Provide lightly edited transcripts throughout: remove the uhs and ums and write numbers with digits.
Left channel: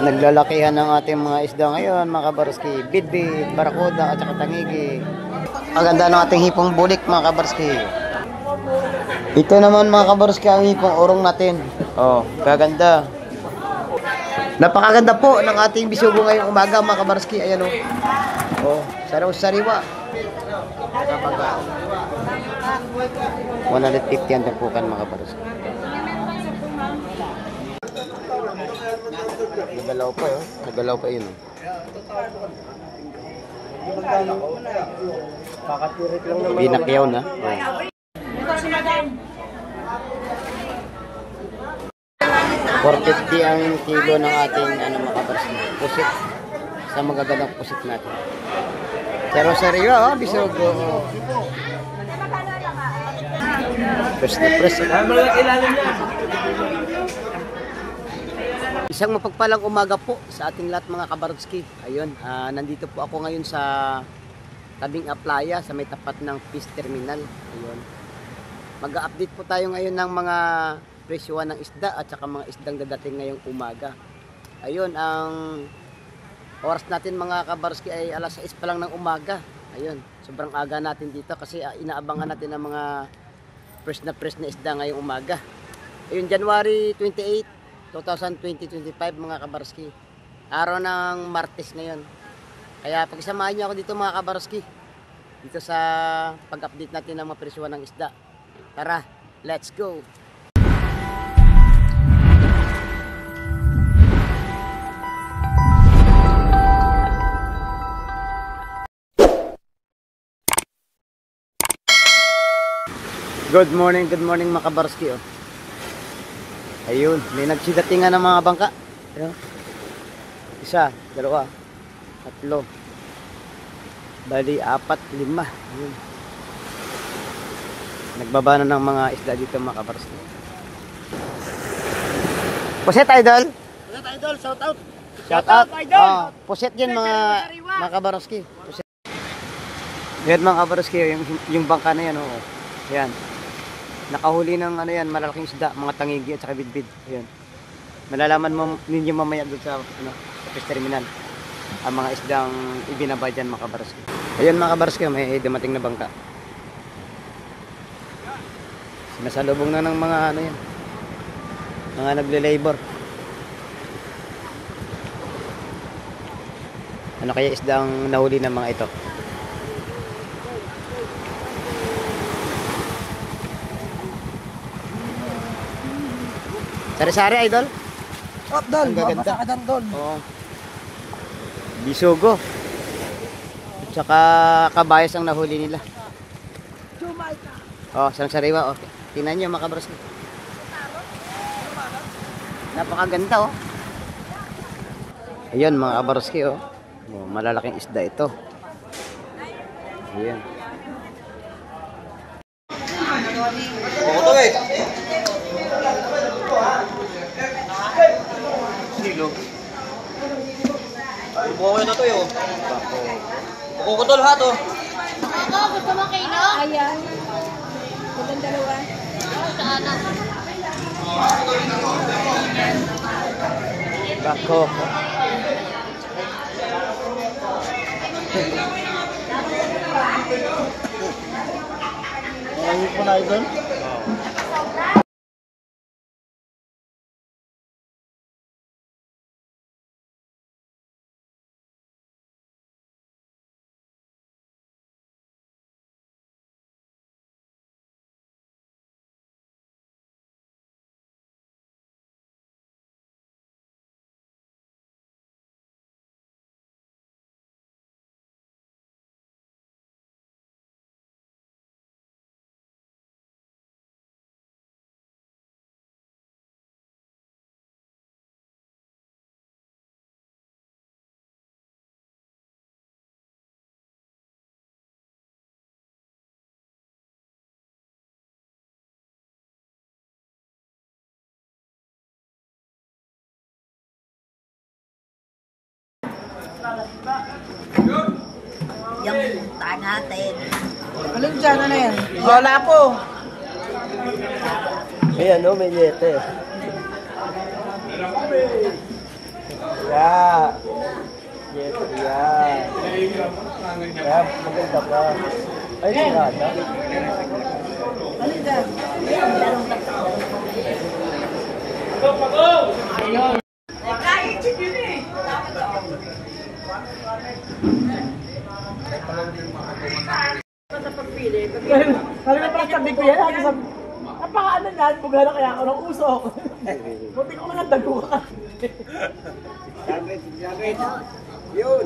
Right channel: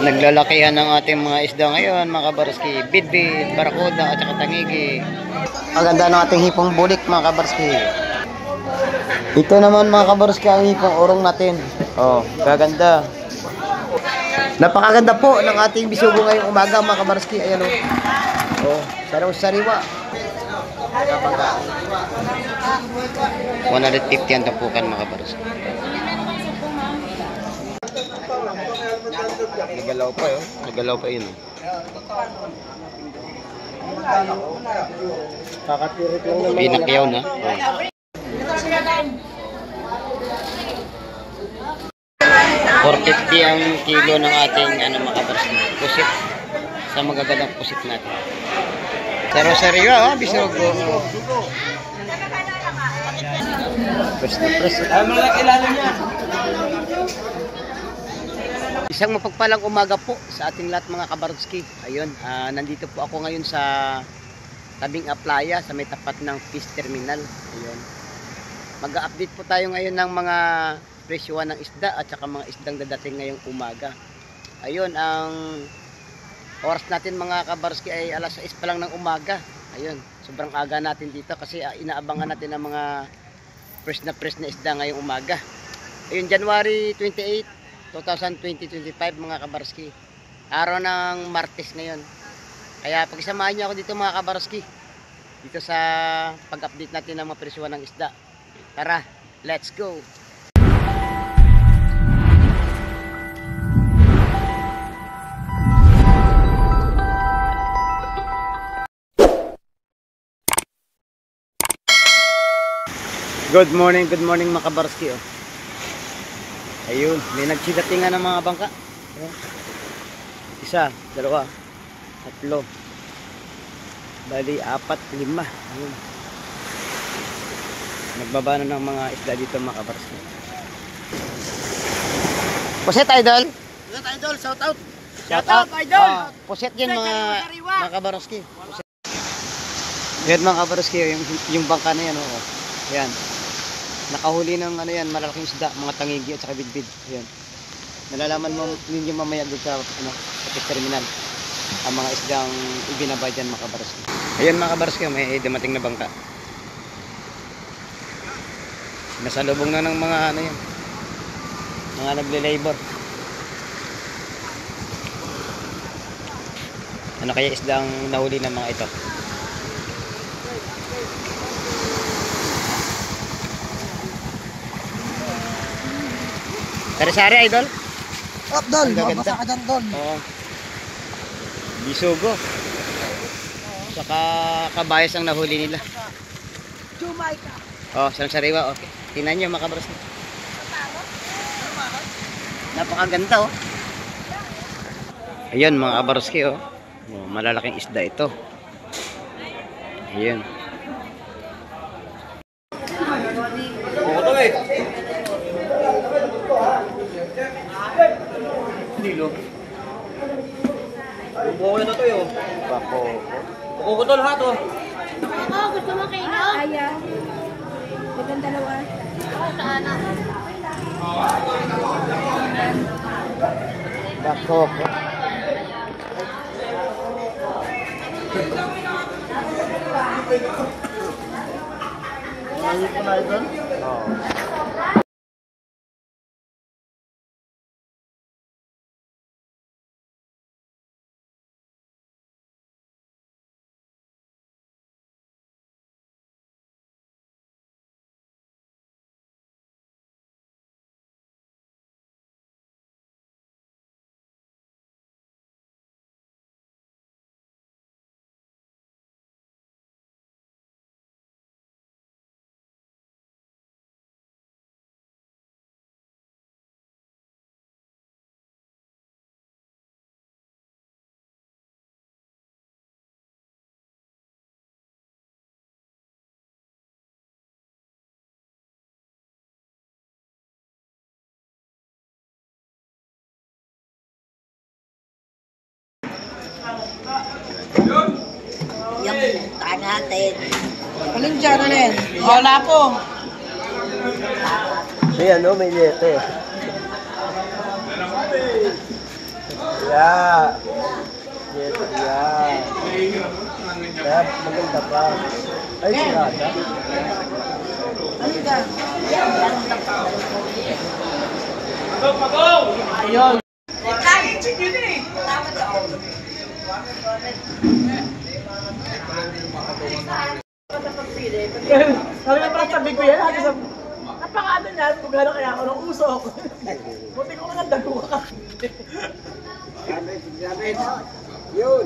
Naglalakihan ng ating mga isda ngayon, mga kabarski. Bidbid, barakuda, at saka tangigi. Ang ganda ng ating hipong bulik, mga kabarski. Ito naman, mga kabarski, ang hipong urong natin. Oh, kaganda. Napakaganda po ng ating bisugo ngayong umaga, mga kabarski. Ayan oh. Oh, sariwa. Kapag 150 ang tampukan, mga kabarski. Nagalaw pa yun. Nagalaw pa yun. Binakyaw na. Oh. 450 ang kilo ng ating pusit. Sa magagandang pusit natin. Sariwa, bisugo. Press na press. Isang mapagpalang umaga po sa ating lahat, mga kabarski. Ayun, nandito po ako ngayon sa tabing playa sa may tapat ng fish terminal. Ayun. Mag-update po tayo ngayon ng mga presyuhan ng isda at saka mga isdang dadating ngayong umaga. Ayun, ang oras natin, mga kabarski, ay alas 6 pa lang ng umaga. Ayun, sobrang aga natin dito kasi inaabangan natin ang mga fresh na isda ngayong umaga. Ayun, January 28 2025, mga kabarski. Araw ng Martes ngayon. Kaya pagsamahan niyo ako dito, mga kabarski. Dito sa pag-update natin ng mga presyuhan ng isda. Tara, let's go! Good morning, mga kabarski. Oh. Ayun, may nagsidatingan ng mga bangka. Ayun. Isa, dalawa, tatlo, bali, 4, 5. Ayun. Nagbaba na ng mga isda dito, mga kabarski. Puset, idol! Puset, idol! Shout out! Shout out, idol! Puset yan, mga kabarski. Yan, mga kabarski, yung bangka na yan. Oh. Yan. Nakahuli ng malalaking isda, mga tangigi at saka bidbid. Ayun. Malalaman mo ninyo mamaya doon sa fish terminal ang mga isdang ibinaba dyan, mga kabarski. Ayun, mga kabarski, may dumating na bangka. Nasalubong na ng mga mga nagle-labor. Ano kaya isdang nahuli ng mga ito? Sari-sari, idol? Up, Dol! Ang gaganda. Mabasa ka dyan, Dol! Oo. Bisugo. Saka kabayas ang nahuli nila. Jamaica! Oh, sariwa. Okay. Tingnan nyo, mga kabarski. Napakaganda, oh. Ayun, mga kabarski, oh. Oh, malalaking isda ito. Ayun. Buko na to yun. Bako. Buko ko to lahat oh. Oo, gusto mo kayo? Ayan. Itong dalawa. Oo, sa ano? Bako. Ayun ko na idol. Oh. Yung taan natin. Alin dyan, alin? Wala po. Ayan, no, may lete. Yeah. Yes, yeah. Kaya maganda pa. Ay, sirata. Halika. Sabi ko parang sabi ko yan, napaka-ano niyan, bugana kaya ako ng usok. Buti ko nga dago ka. Yun.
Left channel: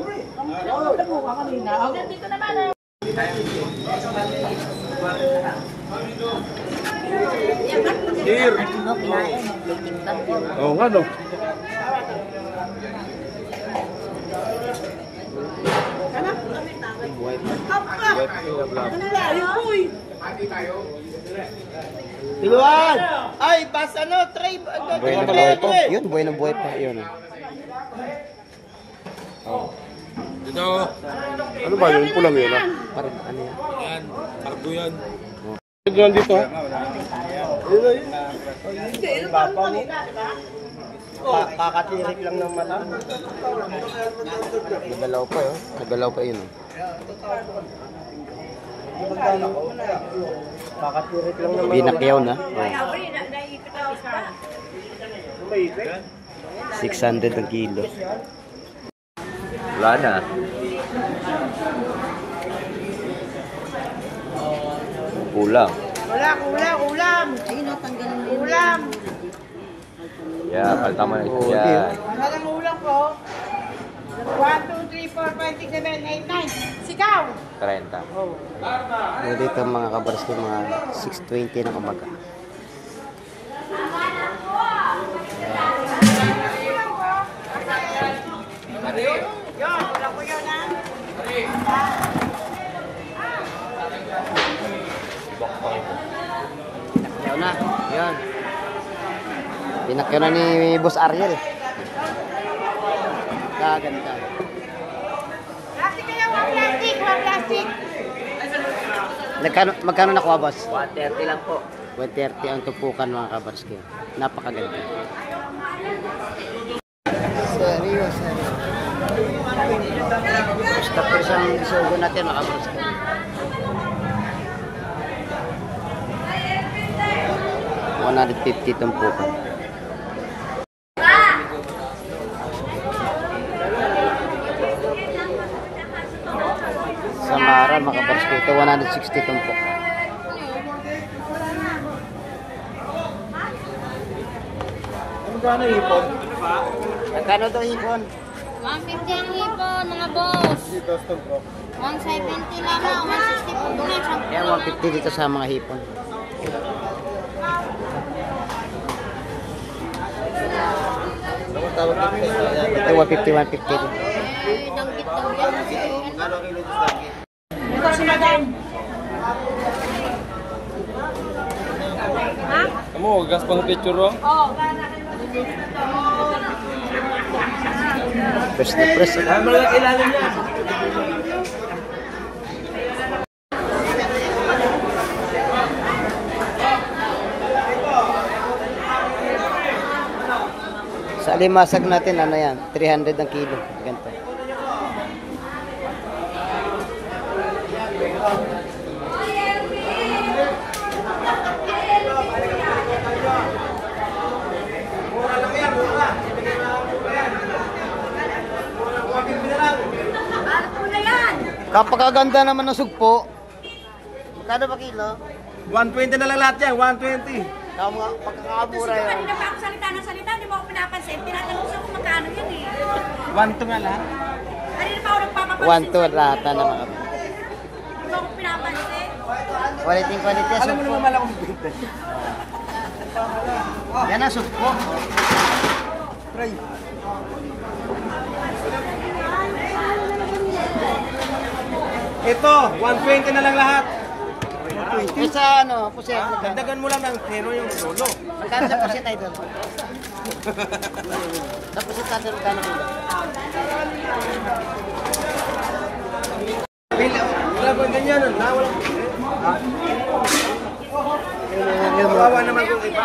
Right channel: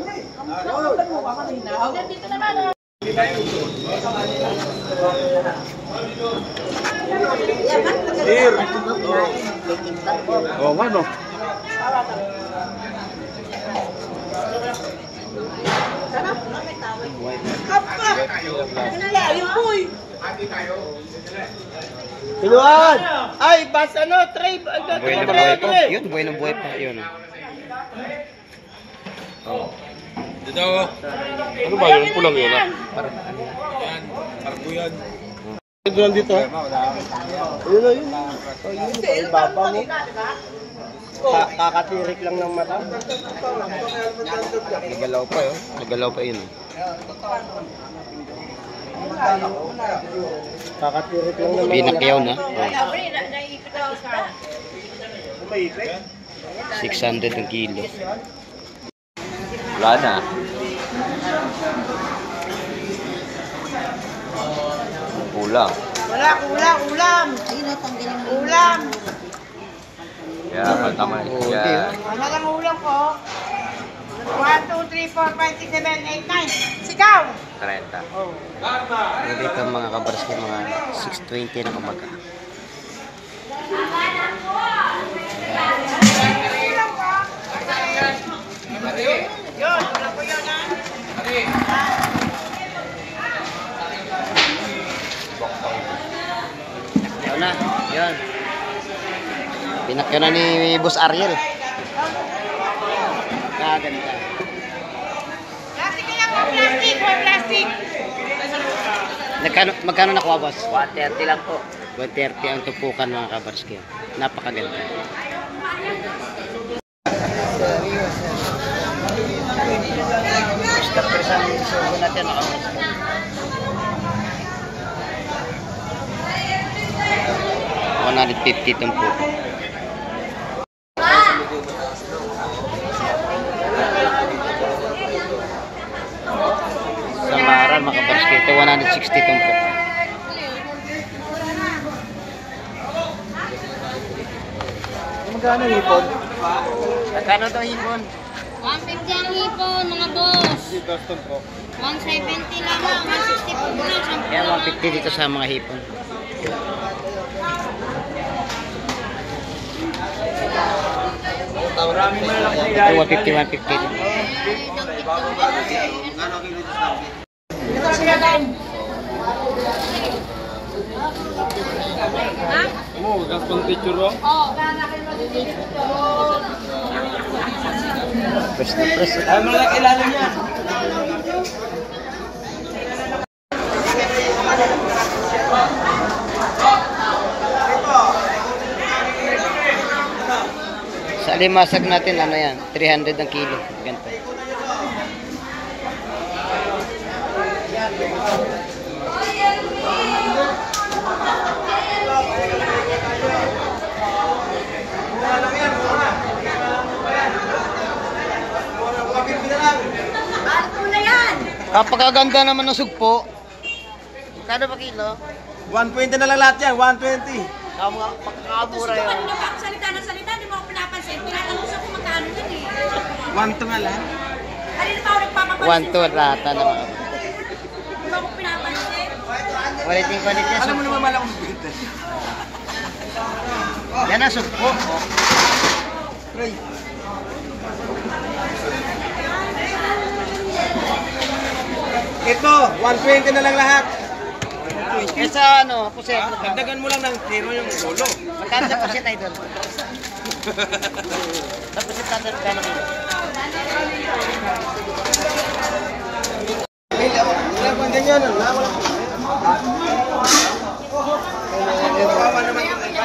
Dago ka kanina. Dito naman. Oo nga no. Ayun po eh. Tiluan! Ay, bas ano, tray. Buhay na buhay pa. Yun, buhay na buhay pa. Yun. Dito. Ano ba yun? Pulang yun ah. Parang ano yan? Yan. Kargo yan. Gawal dito ha? Yun na yun. Yun, baba mo. Kakatirik lang ng mata. Nagalaw pa yun. Nagalaw pa yun. Kakatirik lang ng mata. Pinakyaw na. 600 ang kilo. Wala na. Kulang. Ulam. Sino tanggalin mo? Ulam. Kaya tama na siya. Ano lang ulam ko? 1, 2, 3, 4, 5, 6, 7, 8, 9. Sigaw! 30. Dito mga kabars ko, mga 6:20 na umaga. Pinakyaw na. Yan. Pinakyaw na ni Boss Ariel. Kaganda. Plastic lang po, plastic. Plastic. Magkano nakuha, boss? 130 lang po. 130 ang tupukan mga kabarski. Napakaganda. Basta persang sugo natin mga kabarski. $150 tumpukan. Samara mga kabarski. Ito 160 tumpukan. Magkano hipon? Magkano daw hipon? 150 ang hipon, mga boss. 170 lang lang, 160 po na. Kaya 150 dito sa mga hipon. Ito 150 din. Ito sila Dan. Mo, gas pa ng picture ba? Press na press. Ay, malaki ilalim niya. Sa alimasag natin, ano yan? 300 ang kilo. Ganito. Kapagaganda naman ng sugpo. Magkano ba kilo? 120 na lang lahat yan, 120. Pagkakamura yun. Kanina pa ako salita ng salita, hindi mo ako pinapansin. Tinatanong sa kung magkano yan eh. 1 nga lahat. Kanina pa ako nagpapapansin. 1 to rata na mga. Hindi mo ako pinapansin. Quality Alam mo sugpo. naman malakong bito. Yan ang sugpo. Ito, 120 na lang lahat. Kesa ano, puset. Dagdagan mo lang ng zero yung solo. Magkano sa puset idol? Sa puset natin magkano kilo? Wala po ganyan. Wala. Kawawa naman kung ito.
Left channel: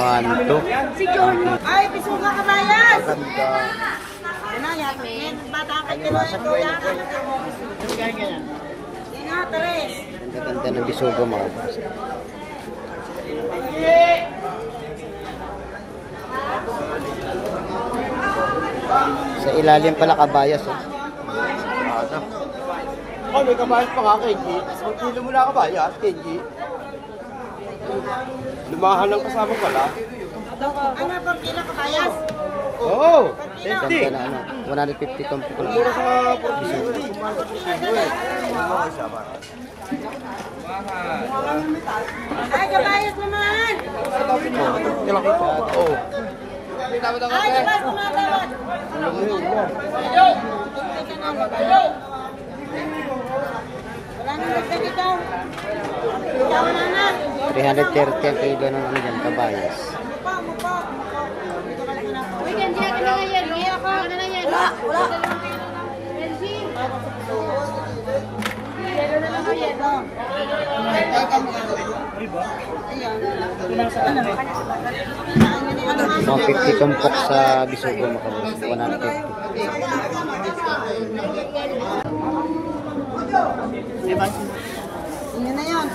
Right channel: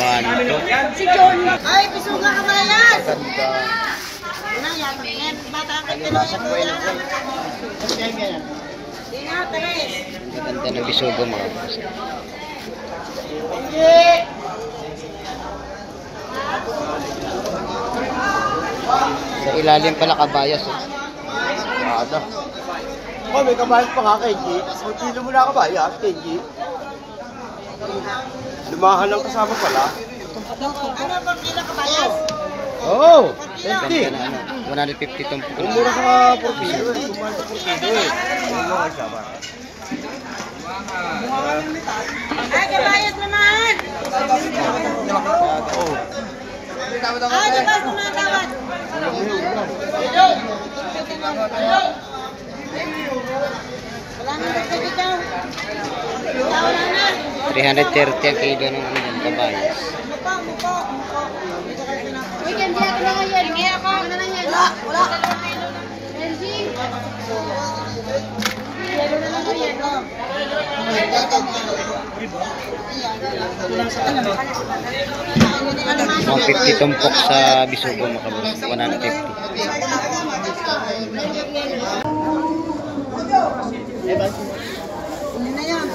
1, 2. Si John. Ay, Bisuga Kabayan! Maganda. Ano yan? Yan, bata ka. Alimasag po yun. Ina, Tres. Ganda ng bisugo mga boss. Sa ilalim pala kabayas. Oh, may kabayas pa nga, Kenji. Ang kilo mo na kabayas, Kenji. Lumahan lang kasama pala. Ano ba kilo Kabayas? Oo! Ganda na ano. 150 tumpok lang. Mura sa 450. Kumahan sa 450. Ang mga kasama. Ay, Kabayas naman! Oo. Ay, Kabayas tumatawad! Wala nang dagdag ikaw. Ikaw na na. 330 ang kilo ng ano dyan, kabayas. Mukha. Uy, Kenji, ako na nga yan. Hindi ako. Ako na lang yan. Wala. Kenji. Meron na lang ako yan. 150 tumpok sa bisugo mga boss. 150. Hindi na yan.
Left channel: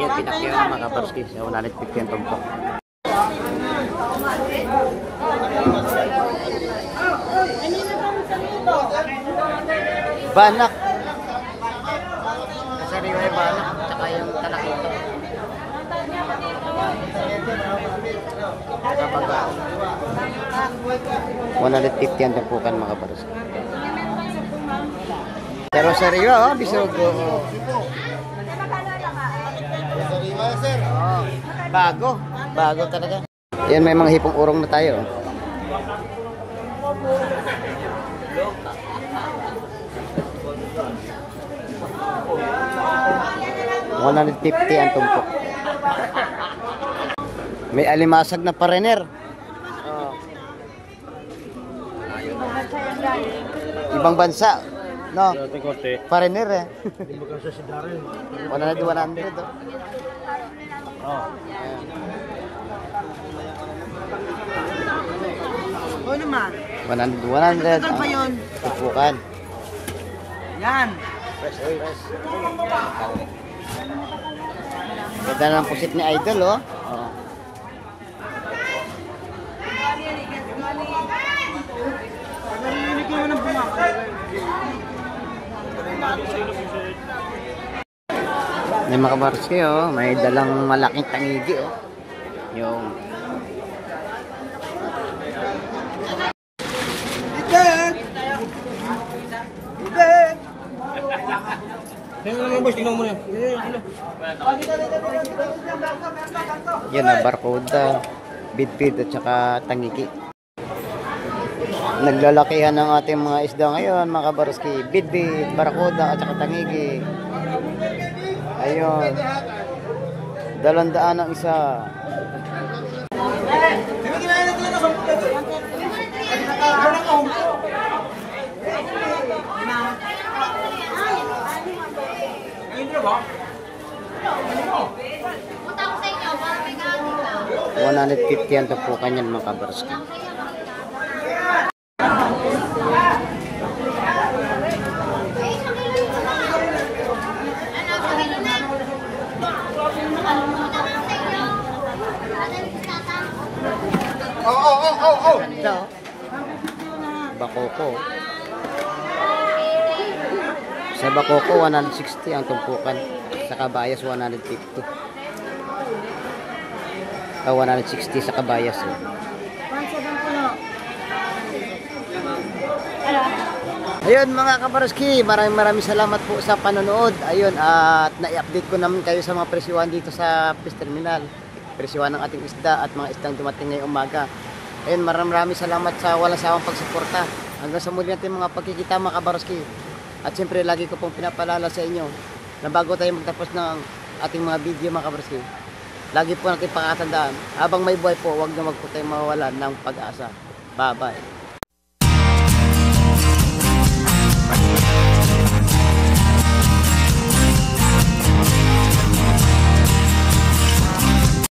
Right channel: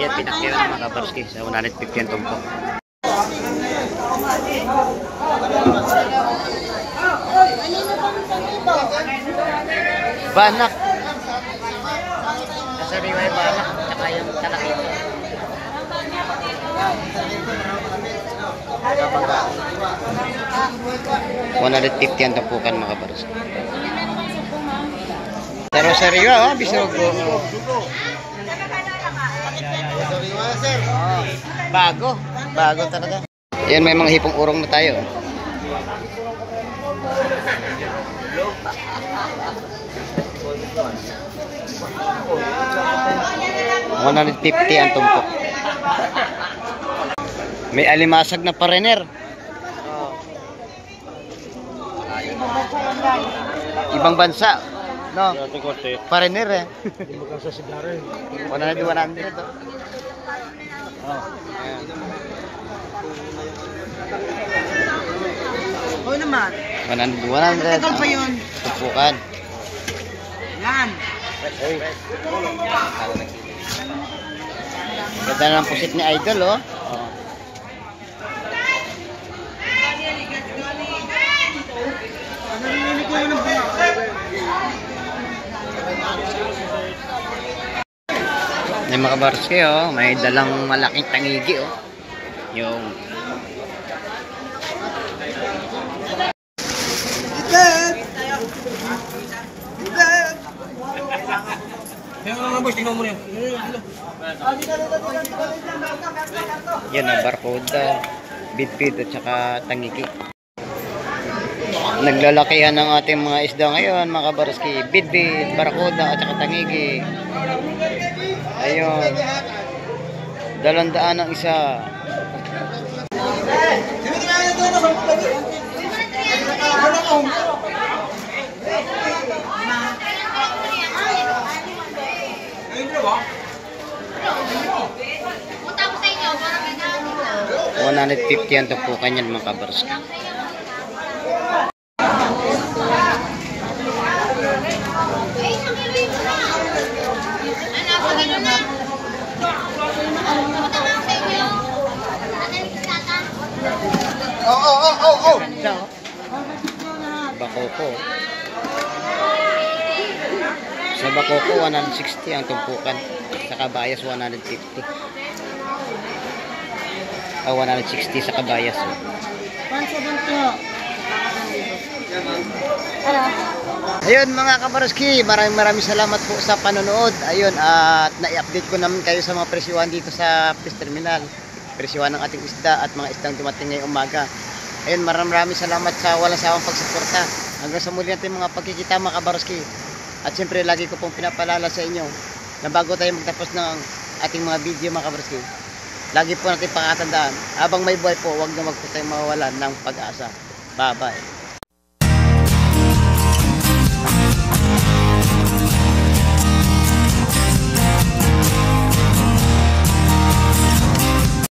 Yan, pinakira ng mga kabarski sa 150 ang tumpok. Banak. Kasariwa yung banak, tsaka yung talakito. Kabaga. 150 ang tumpukan mga kabarski. Pero sariwa, bisugo. Oh, bago talaga. Yan, may mga hipong urong na tayo. 150 ang tumpok. May alimasag na parener. Oh. Ibang bansa. No? Parener eh. 100 to. Oh. Ayan. Oo naman. 100 Tagal pa yun. tumpukan. Yan. Fresh. Ganda ng pusit ni Idol, oh. Oh. May mga kabarski, oh. May dalang malaking tangigi, oh. Yung yan na barcode, bidbid at saka tangiki. Naglalakihan ng ating mga isda ngayon mga kabarski. Bidbid, barcode at saka tangiki. Ayun. 200 ang isa. Punta ko sa inyo. 150 ang tumpukan yan mga kabarski. Ganda, oh. Bakoko. Sa bakoko 160 ang tumpukan. Sa kabayas 150. 160 sa kabayas. Oh. Ayun mga kabarski, maraming salamat po sa panonood. Ayun, at na-update ko naman kayo sa mga presyuhan dito sa fish terminal. Presyuhan ng ating isda at mga isdang dumating ngayong umaga. Ayun, maraming salamat sa walang sawang pagsuporta. Hanggang sa muli natin mga pagkikita mga kabarski. At siyempre lagi ko pong pinapaalala sa inyo na bago tayo magtapos ng ating mga video mga kabarski, lagi po natin pakatandaan, habang may buhay po, huwag na wag po tayong mawawalan ng pag-asa. Bye-bye.